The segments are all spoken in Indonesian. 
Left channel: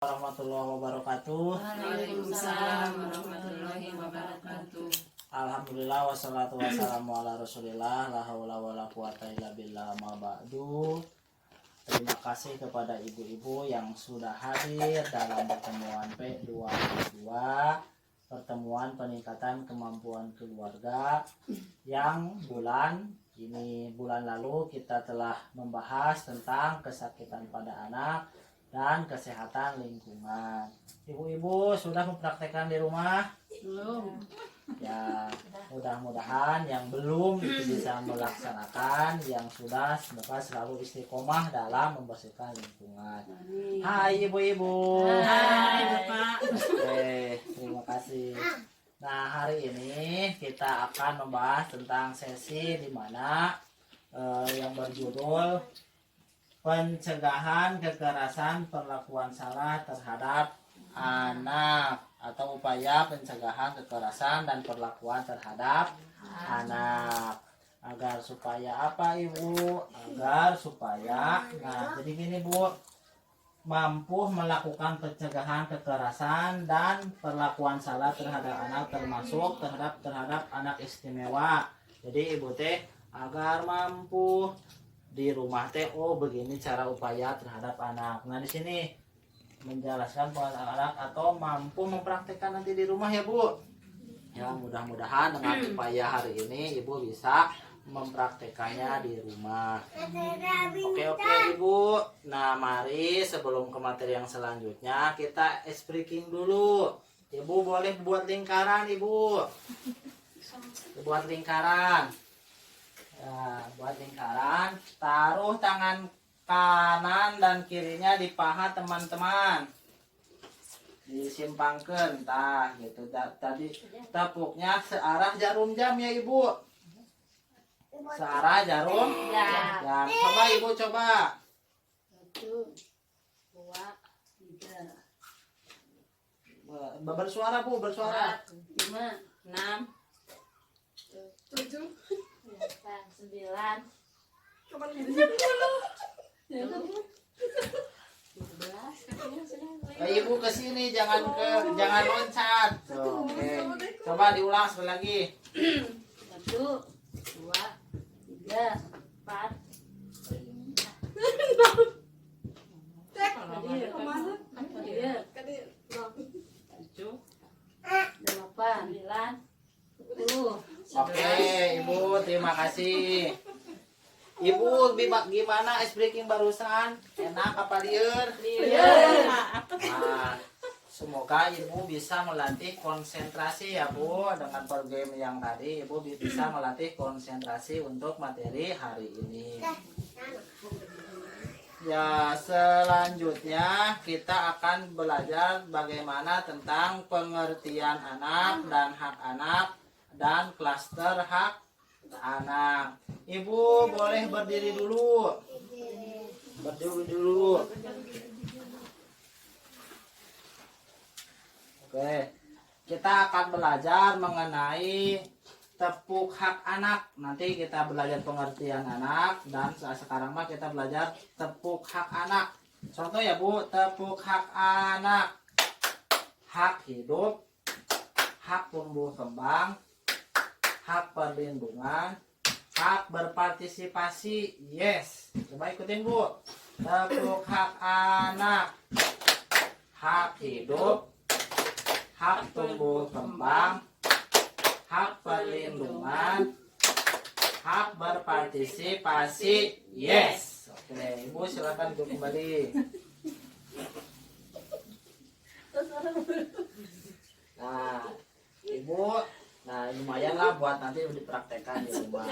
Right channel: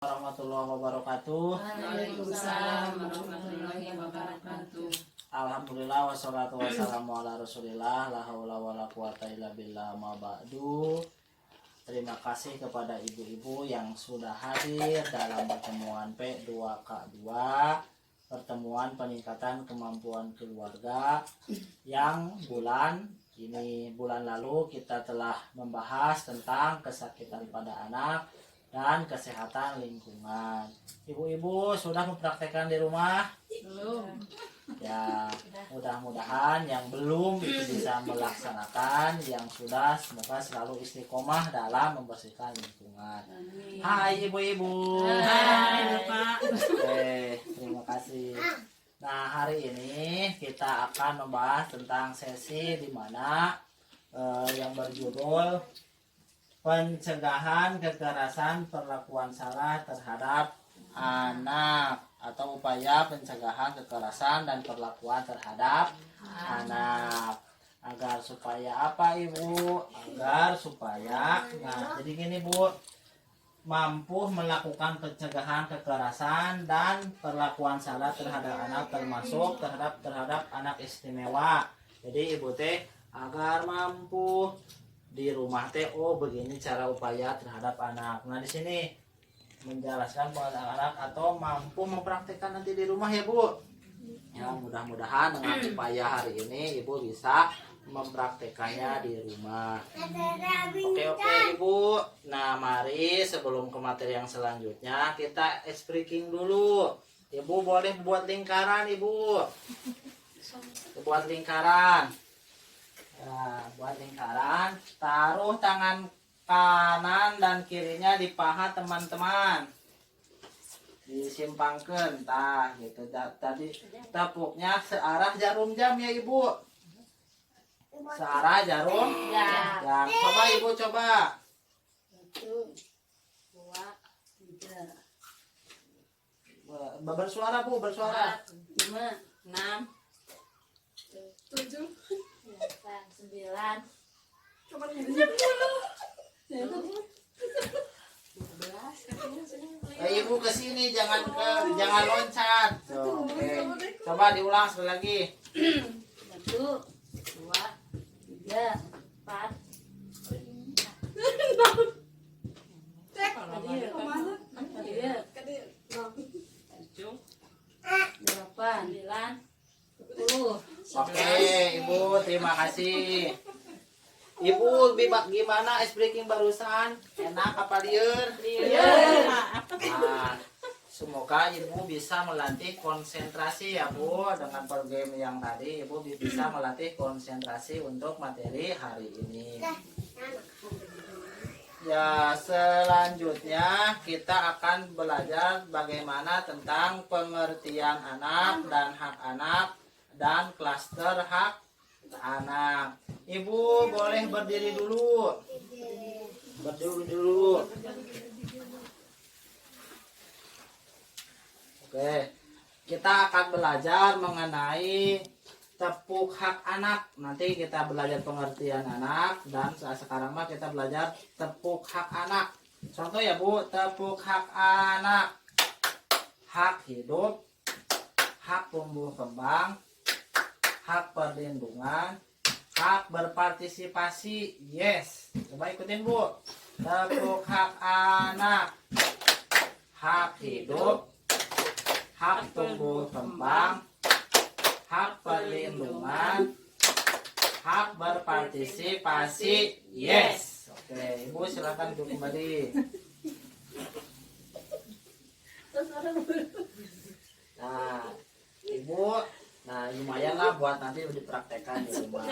Warahmatullahi wabarakatuh. Waalaikumsalam warahmatullahi wabarakatuh. Alhamdulillah wassalatu wassalamu ala Rasulillah la haula wala quwata illa billah ma ba'du. Terima kasih kepada ibu-ibu yang sudah hadir dalam pertemuan P242, pertemuan peningkatan kemampuan keluarga yang bulan lalu kita telah membahas tentang kesakitan pada anak dan kesehatan lingkungan. Ibu-ibu sudah mempraktekkan di rumah? Belum. Ya, mudah-mudahan yang belum itu bisa melaksanakan, yang sudah semoga selalu istiqomah dalam membersihkan lingkungan. Hai ibu-ibu. Hai Bapak. Oke, terima kasih. Nah, hari ini kita akan membahas tentang sesi di mana yang berjudul pencegahan kekerasan perlakuan salah terhadap anak, atau upaya pencegahan kekerasan dan perlakuan terhadap anak. Agar supaya apa ibu? Agar supaya, nah jadi gini bu, mampu melakukan pencegahan kekerasan dan perlakuan salah terhadap anak, termasuk terhadap anak istimewa. Jadi ibu teh agar mampu di rumah teh, oh begini cara upaya terhadap anak. Nah di sini menjelaskan pengalaman anak atau mampu mempraktikkan nanti di rumah ya bu. Ya mudah-mudahan dengan upaya hari ini ibu bisa mempraktekannya di rumah. Oke ibu. Nah mari sebelum ke materi yang selanjutnya kita speaking dulu. Ibu boleh buat lingkaran ibu. Buat lingkaran. Nah, buat lingkaran, taruh tangan kanan dan kirinya di paha teman-teman, disimpangkan, tah gitu. Tadi tepuknya searah jarum jam ya ibu, searah jarum jam. Coba ibu coba. 1, 2, 3. Bersuara bu, bersuara. 5, 6, 7, 8, 9. Coba Ibu ke sini, jangan loncat. Oke. Coba diulang sekali lagi. 1, 2, 3, 4. Oke, ibu, terima kasih. Ibu, gimana breaking barusan? Enak apa liur? Nah, semoga ibu bisa melatih konsentrasi ya bu. Dengan per game yang tadi, ibu bisa melatih konsentrasi untuk materi hari ini. Ya, selanjutnya kita akan belajar bagaimana tentang pengertian anak dan hak anak dan klaster hak anak. Ibu boleh berdiri dulu. Berdiri dulu. Oke, kita akan belajar mengenai tepuk hak anak. Nanti kita belajar pengertian anak, dan sekarang mah kita belajar tepuk hak anak. Contoh ya bu, tepuk hak anak: hak hidup, hak tumbuh kembang, hak perlindungan, hak berpartisipasi. Yes, coba ikutin bu. Tepuk hak anak: hak hidup, hak tumbuh kembang, hak perlindungan, hak berpartisipasi. Yes. Oke, ibu silakan duduk kembali. Nah, ibu, nah lumayan lah buat nanti dipraktekkan di rumah.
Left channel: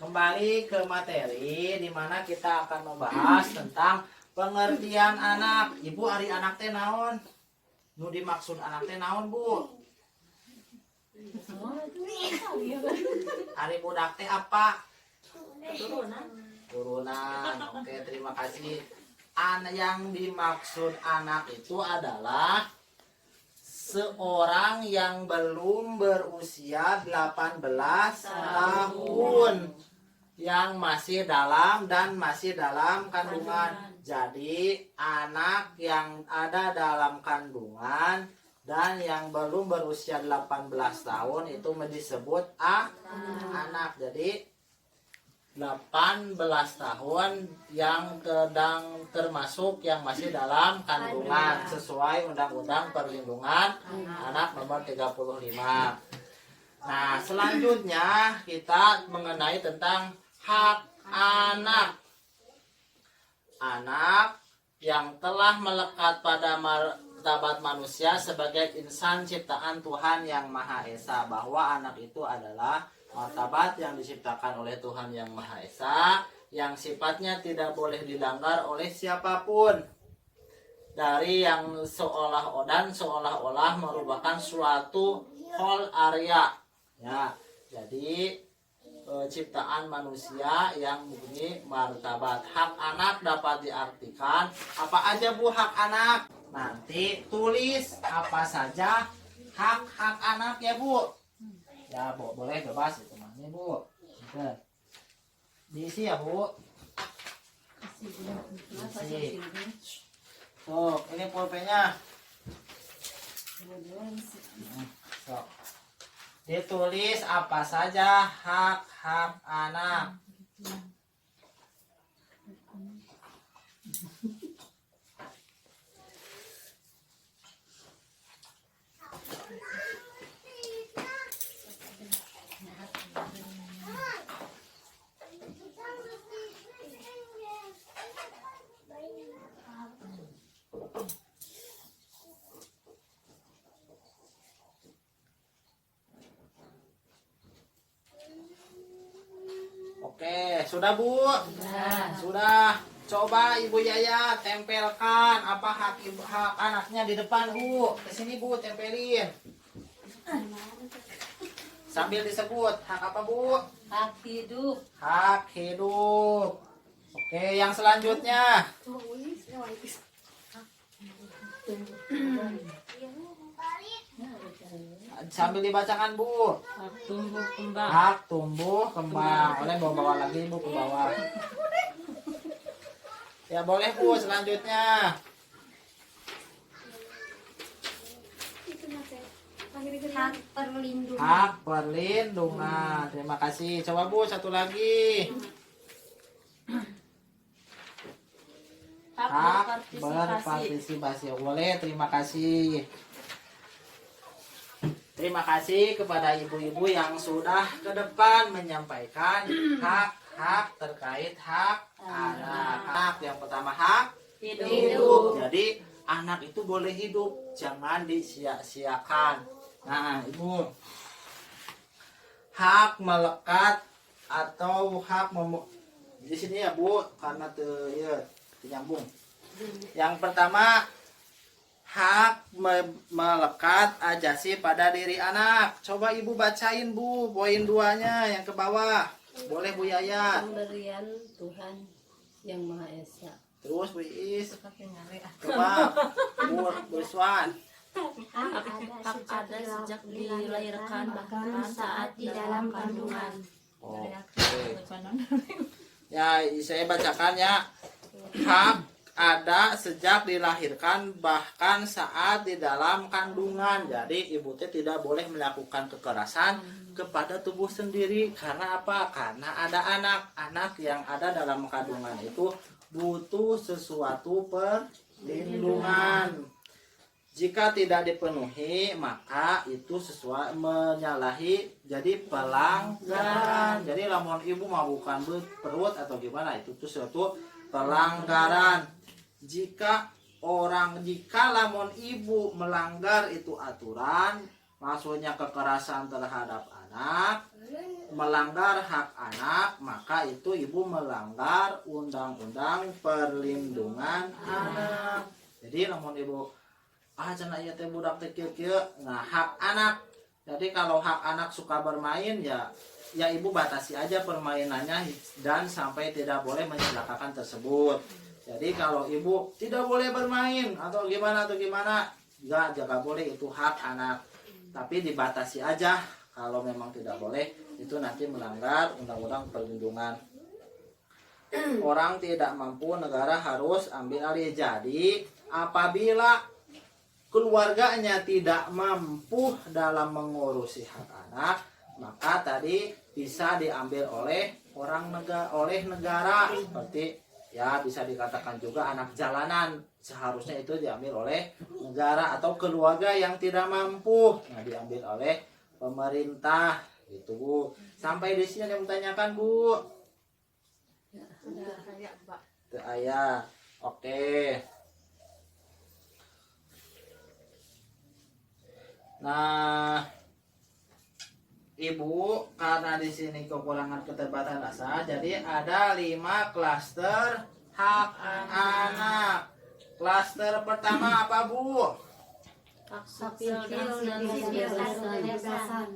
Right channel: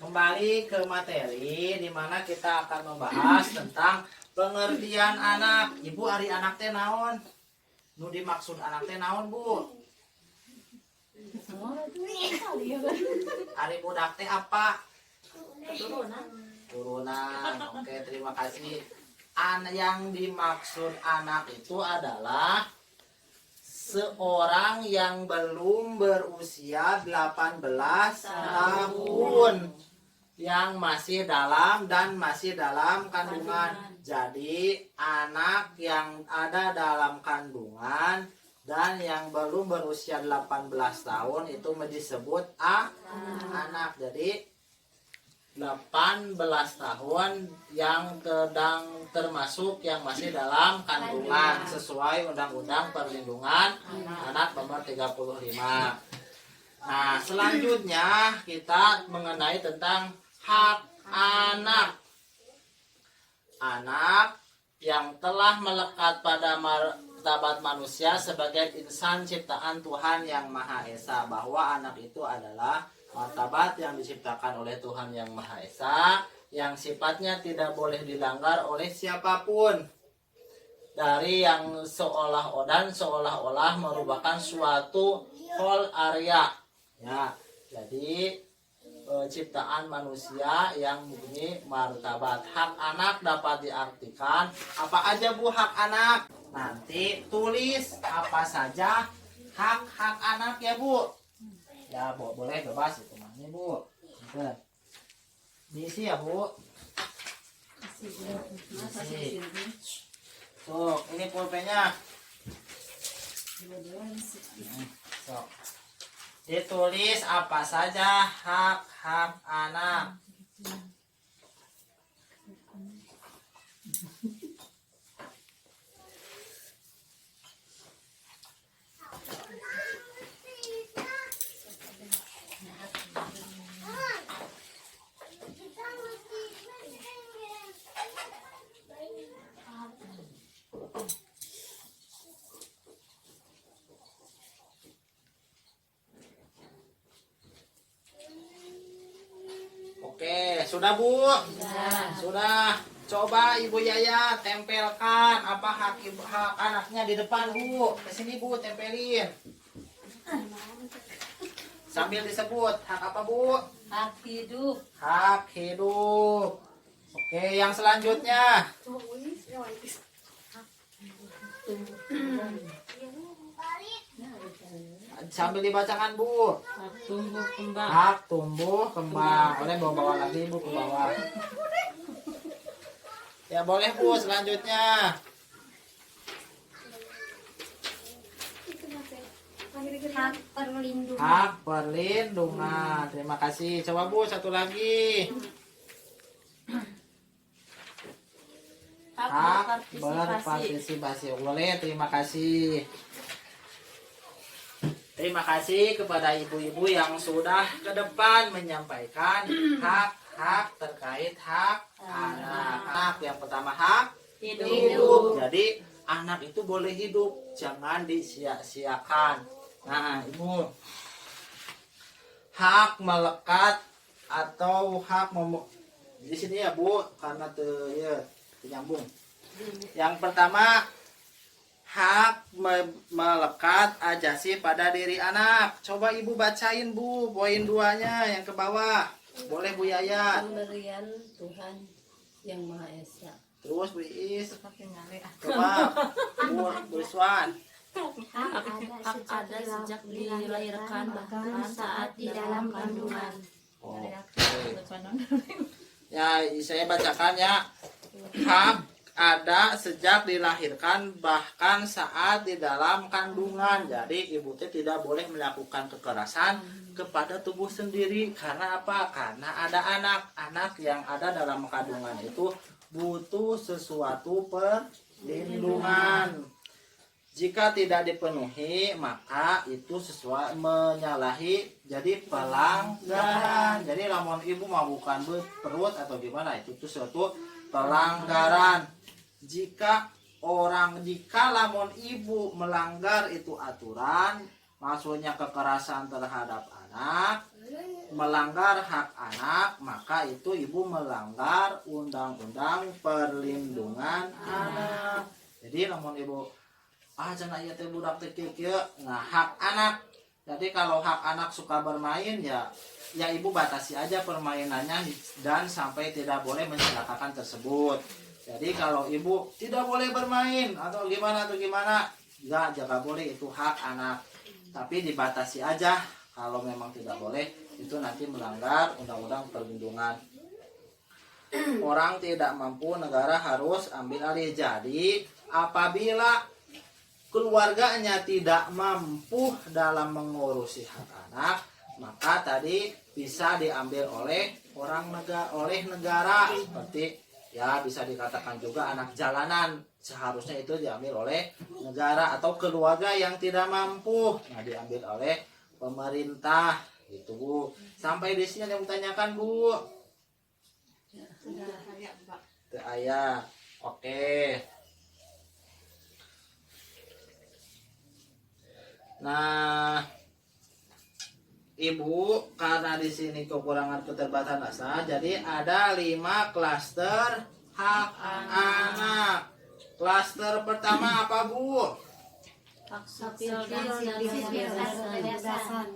Kembali ke materi di mana kita akan membahas tentang pengertian anak. Ibu, ari anak teh naon? Nu dimaksud anak teh naon bu? Ari budak teh apa? Turunan. Oke, terima kasih. Yang dimaksud anak itu adalah seorang yang belum berusia 18 tahun. yang masih dalam kandungan. Jadi anak yang ada dalam kandungan dan yang belum berusia 18 tahun itu disebut anak. Jadi 18 tahun yang sedang termasuk yang masih dalam kandungan sesuai Undang-Undang Perlindungan Anak Nomor 35. Nah, selanjutnya kita mengenai tentang hak anak. Anak yang telah melekat pada martabat manusia sebagai insan ciptaan Tuhan Yang Maha Esa, bahwa anak itu adalah martabat yang diciptakan oleh Tuhan Yang Maha Esa, yang sifatnya tidak boleh dilanggar oleh siapapun, dari yang seolah-olah merupakan suatu whole area. Ya, jadi ciptaan manusia yang mempunyai martabat. Hak anak dapat diartikan apa aja Bu hak anak? Nanti tulis apa saja hak anak ya Bu. Ya Bu, boleh bebas itu namanya Bu. Oke. Diisi ya Bu. Diisi. Tuh, ini pulpennya. So. Ditulis apa saja hak anak. Oke, sudah Bu? Sudah. Coba Ibu Yaya tempelkan apa hak anaknya di depan Bu. Kesini Bu, tempelin. Sambil disebut hak apa Bu? Hak hidup. Hak hidup. Oke, yang selanjutnya. Sambil dibacakan Bu. Hak tumbuh kembang. Hak tumbuh kembang. Boleh bawa lagi Bu ke bawah. Ya boleh Bu, selanjutnya. Hak perlindungan. Hak perlindungan. Terima kasih. Coba Bu, satu lagi. Hak berpartisipasi. Boleh, terima kasih. Terima kasih kepada ibu-ibu yang sudah ke depan menyampaikan hak-hak terkait hak anak. Hak yang pertama hak hidup. Jadi anak itu boleh hidup, jangan disia-siakan. Nah, Ibu. Hak melekat atau hak di sini ya Bu, karena nyambung. Yang pertama hak melekat ajasi pada diri anak. Coba Ibu bacain Bu, poin 2-nya yang ke bawah. Boleh Bu Yaya. Pemberian Tuhan Yang Maha Esa. Terus Bu Iis. Coba Bu Iswan. Hak ada sejak dilahirkan bahkan saat di dalam kandungan. Oh, okay. Ya, saya bacakan ya. Hak ada sejak dilahirkan bahkan saat di dalam kandungan. Jadi ibu teh tidak boleh melakukan kekerasan kepada tubuh sendiri. Karena apa? Karena ada anak yang ada dalam kandungan itu butuh sesuatu perlindungan. Jika tidak dipenuhi, maka itu sesuai menyalahi jadi pelanggaran. Jadi lamun ibu mau bukan perut atau gimana, itu tuh suatu pelanggaran. Jika lamun ibu melanggar itu aturan, maksudnya kekerasan terhadap anak, melanggar hak anak, maka itu ibu melanggar undang-undang perlindungan anak. Jadi lamun ibu cenah ieu teh budak teh kieu, nah hak anak. Jadi kalau hak anak suka bermain ya ibu batasi aja permainannya dan sampai tidak boleh mencelakakan tersebut. Jadi kalau ibu tidak boleh bermain atau gimana enggak boleh, itu hak anak. Tapi dibatasi aja kalau memang tidak boleh itu nanti melanggar undang-undang perlindungan orang tidak mampu, negara harus ambil alih. Jadi apabila keluarganya tidak mampu dalam mengurusi hak anak, maka tadi bisa diambil oleh negara, seperti ya bisa dikatakan juga anak jalanan, seharusnya itu diambil oleh negara, atau keluarga yang tidak mampu, nah diambil oleh pemerintah gitu Bu. Sampai di sini ada yang bertanyakan Bu? Teu aya. Oke. Nah, Ibu, karena di sini kekurangan keterbatasan, jadi ada 5 klaster hak anak. Klaster pertama apa Bu? Hak sipil dan kebebasan.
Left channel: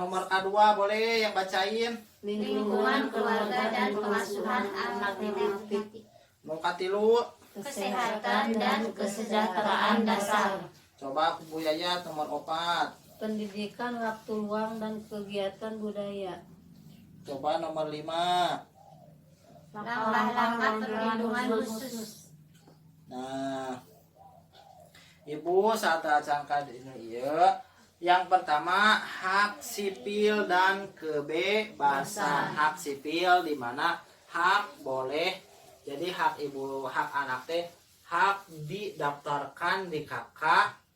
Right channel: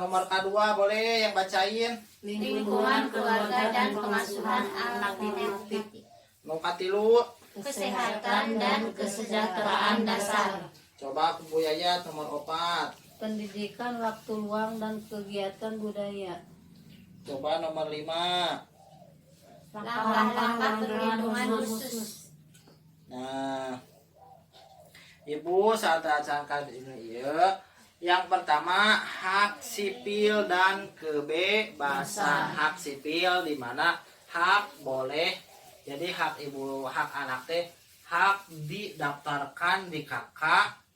Nomor kedua boleh yang bacain. Lingkungan keluarga dan pengasuhan alternatif. Nomor katilu. Kesehatan dan kesejahteraan dasar. Coba Bu Yayat nomor 4. Pendidikan, waktu luang, dan kegiatan budaya. Coba nomor 5. Langkah-langkah perlindungan khusus. Nah, Ibu saat acarkan ini ya. Yang pertama hak sipil dan kebebasan. Hak sipil di mana hak boleh. Jadi hak ibu, hak anak teh hak didaftarkan di KK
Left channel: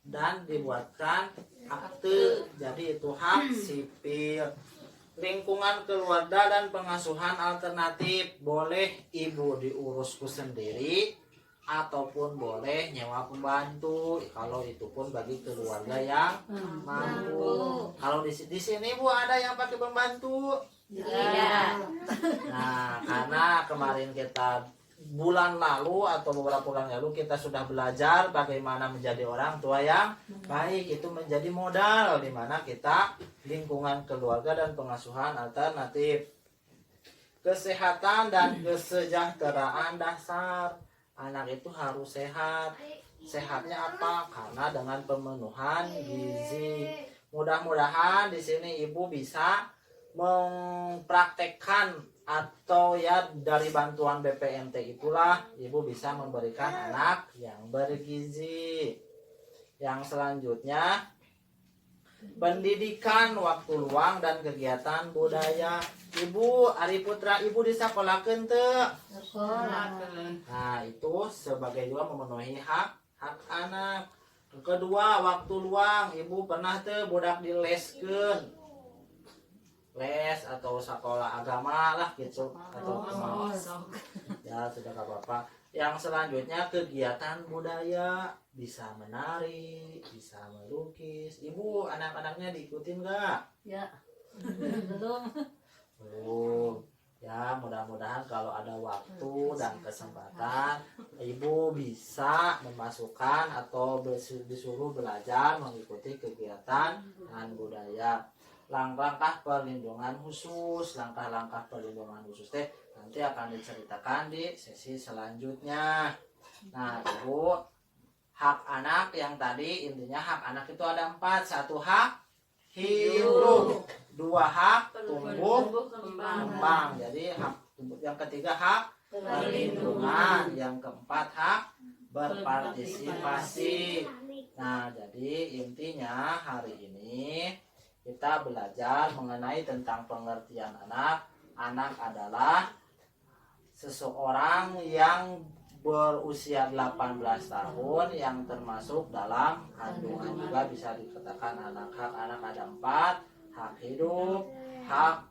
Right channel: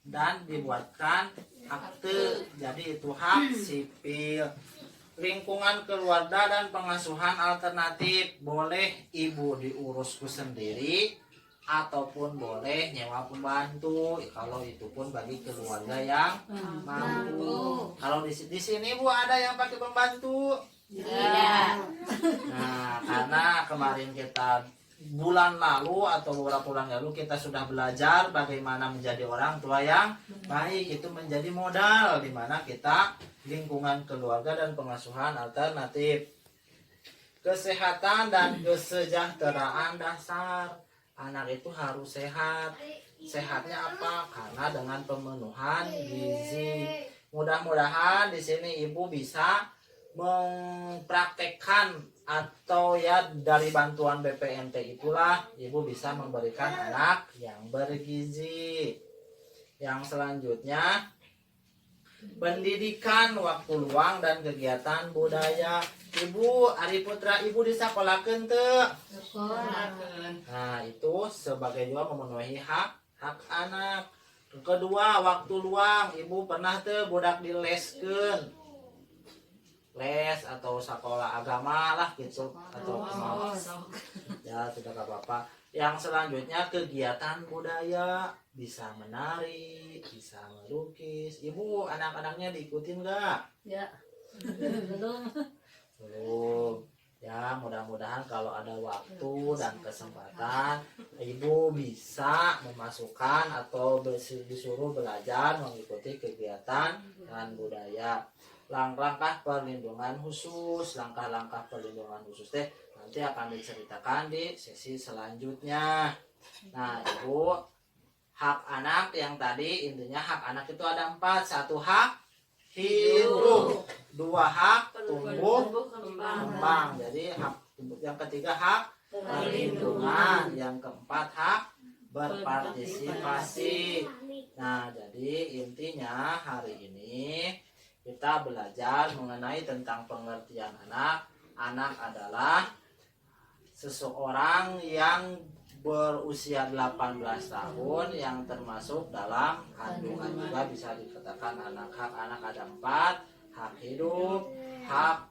dan dibuatkan akte. Jadi itu hak sipil. Lingkungan keluarga dan pengasuhan alternatif, boleh ibu diurusku sendiri ataupun boleh nyewa pembantu, kalau itu pun bagi keluarga yang mampu. Kalau di sini Bu ada yang pakai pembantu? Tidak. Nah, karena kemarin kita bulan lalu atau beberapa bulan lalu kita sudah belajar bagaimana menjadi orang tua yang baik, itu menjadi modal di mana kita lingkungan keluarga dan pengasuhan alternatif. Kesehatan dan kesejahteraan dasar. Anak itu harus sehat. Sehatnya apa? Karena dengan pemenuhan gizi. Mudah-mudahan di sini ibu bisa mempraktekkan atau ya dari bantuan BPNT itulah ibu bisa memberikan anak yang bergizi. Yang selanjutnya pendidikan, waktu luang, dan kegiatan budaya. Ibu Ari Putra, ibu disekolakeun teu? Nah, itu sebagai juga memenuhi hak anak. Kedua, waktu luang, ibu pernah teu budak dileskeun? Les atau sekolah agama lah gitu atau ya tidak apa-apa. Yang selanjutnya kegiatan budaya, bisa menari, bisa melukis. Ibu anak-anaknya diikutin nggak? Ya, belum. Ya, mudah-mudahan kalau ada waktu dan kesempatan ibu bisa memasukkan atau disuruh belajar mengikuti kegiatan dan budaya. Langkah-langkah perlindungan khusus, langkah-langkah perlindungan khusus teh nanti akan diceritakan di sesi selanjutnya. Nah, ibu, hak anak yang tadi intinya hak anak itu ada 4. 1 hak hidup, 2 hak tumbuh kembang. Jadi hak yang ketiga hak perlindungan, yang keempat hak berpartisipasi. Nah, jadi intinya hari ini kita belajar mengenai tentang pengertian anak. Anak adalah seseorang yang berusia 18 tahun yang termasuk dalam kandungan, juga bisa dikatakan anak. Hak anak ada 4, hak hidup, hak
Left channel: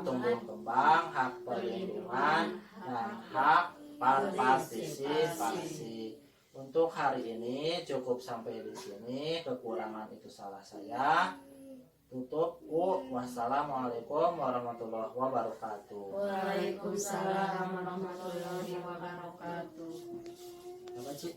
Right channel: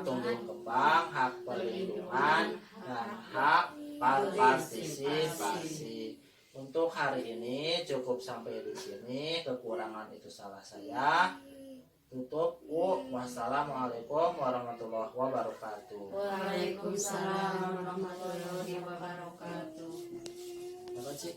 tumbuh kembang, hak perlindungan, dan hak partisipasi. Untuk hari ini cukup sampai di sini. Kekurangan itu salah saya. Tutup. Wassalamualaikum warahmatullahi wabarakatuh. Waalaikumsalam warahmatullahi wabarakatuh. Terima kasih.